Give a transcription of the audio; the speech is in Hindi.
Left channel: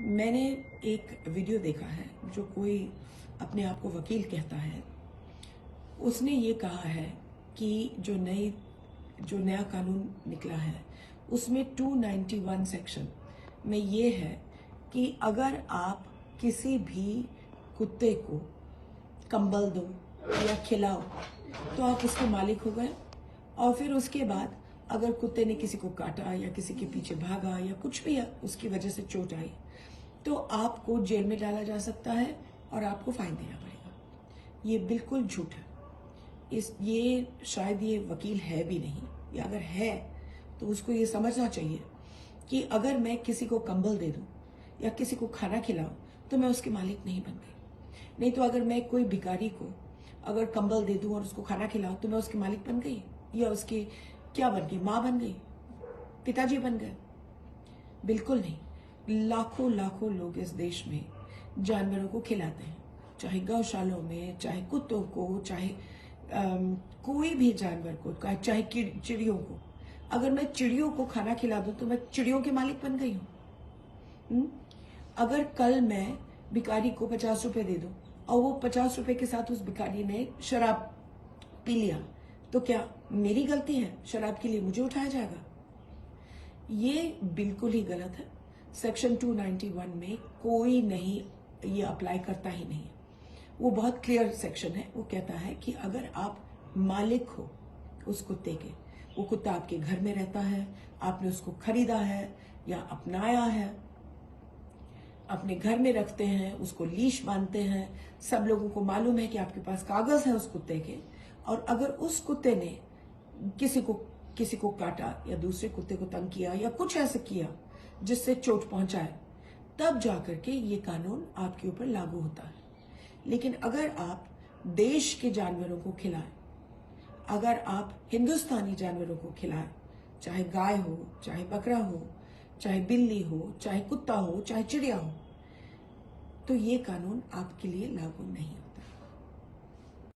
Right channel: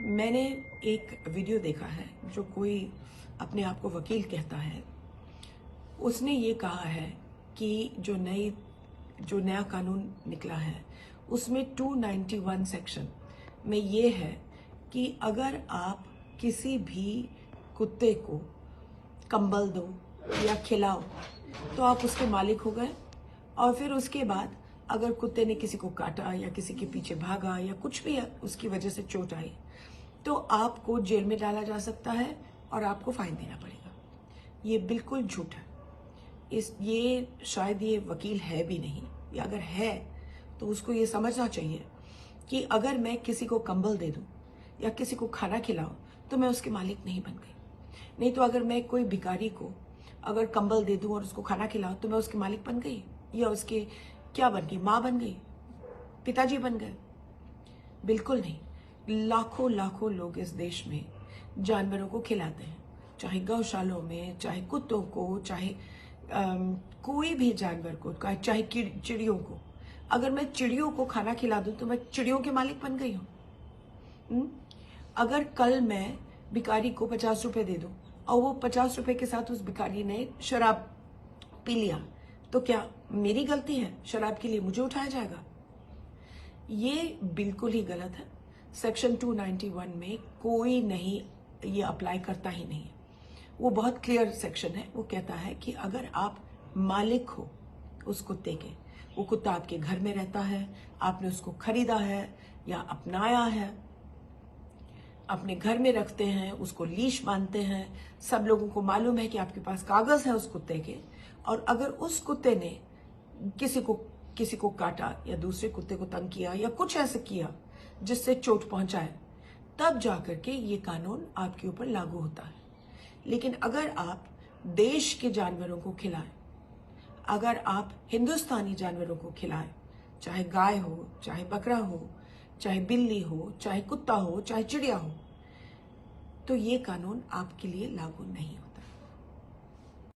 मैंने एक वीडियो देखा है जो कोई अपने आप को वकील कहता है। उसने ये कहा है कि जो नया कानून निकला है उसमें 291 सेक्शन में ये है कि अगर आप किसी भी कुत्ते को कंबल दो या खिलाओ तो आप उसके मालिक हो गए, और फिर उसके बाद अगर कुत्ते ने किसी को काटा या किसी के पीछे भागा या कुछ भी उसकी वजह से चोट आई तो आपको जेल में डाला जा सकता है और आपको फाइन देना पड़ेगा। ये बिल्कुल झूठ है। ये शायद ये वकील है भी नहीं, या अगर है तो उसको ये समझना चाहिए कि अगर मैं किसी को कंबल दे दूं या किसी को खाना खिलाऊं तो मैं उसके मालिक नहीं बन गई। नहीं तो अगर मैं कोई भिखारी को अगर कंबल दे दूं और उसको खाना खिलाऊं तो मैं उसकी मालिक बन गई, या उसके क्या बन गई, माँ बन गई, पिताजी बन गए? बिल्कुल नहीं। लाखों लाखों लोग इस देश में जानवरों को खिलाते हैं, चाहे गौशालों में, चाहे कुत्तों को, चाहे कोई भी जानवर को, चाहे चिड़ियों को। अगर मैं चिड़ियों को खाना खिला दूं तो मैं चिड़ियों के मालिक बन गई हूं। अगर कल मैं भिखारी को 50 रुपए दे दूं और वो 50 रुपए के साथ उस भिखारी ने शराब पी लिया तो क्या मेरी गलती है? शराब के लिए मुझे उठाया जाएगा? ये बिल्कुल ही गलत है। सेक्शन 291 में कोई नहीं, ये अप्लाई करता ही नहीं। वो बहुत क्लियर सेक्शन है। वो कहता है कि अगर आप मालिक हो उस कुत्ते के, वो कुत्ता आपके घर में रहता है, आपने उसको खरीदा है या अपनाया है, अपने घर में रखते हैं, उसको लीश बांधते हैं, सब लोगों को मालूम है कि आपके पास कागज है उस कुत्ते के, और अगर उस कुत्ते ने किसी को काटा या दूसरे कुत्ते को तंग किया या कुछ ऐसा किया जिससे चोट पहुंचाए, तब जाकर के ये कानून आपके ऊपर लागू होता है। लेकिन अगर आप देश के जानवरों को खिलाएं, अगर आप हिंदुस्तानी जानवरों को खिलाएं, चाहे गाय हो, चाहे बकरा हो, चाहे बिल्ली हो, चाहे कुत्ता हो, चाहे चिड़िया हो, तो ये कानून आपके लिए लागू नहीं होगा।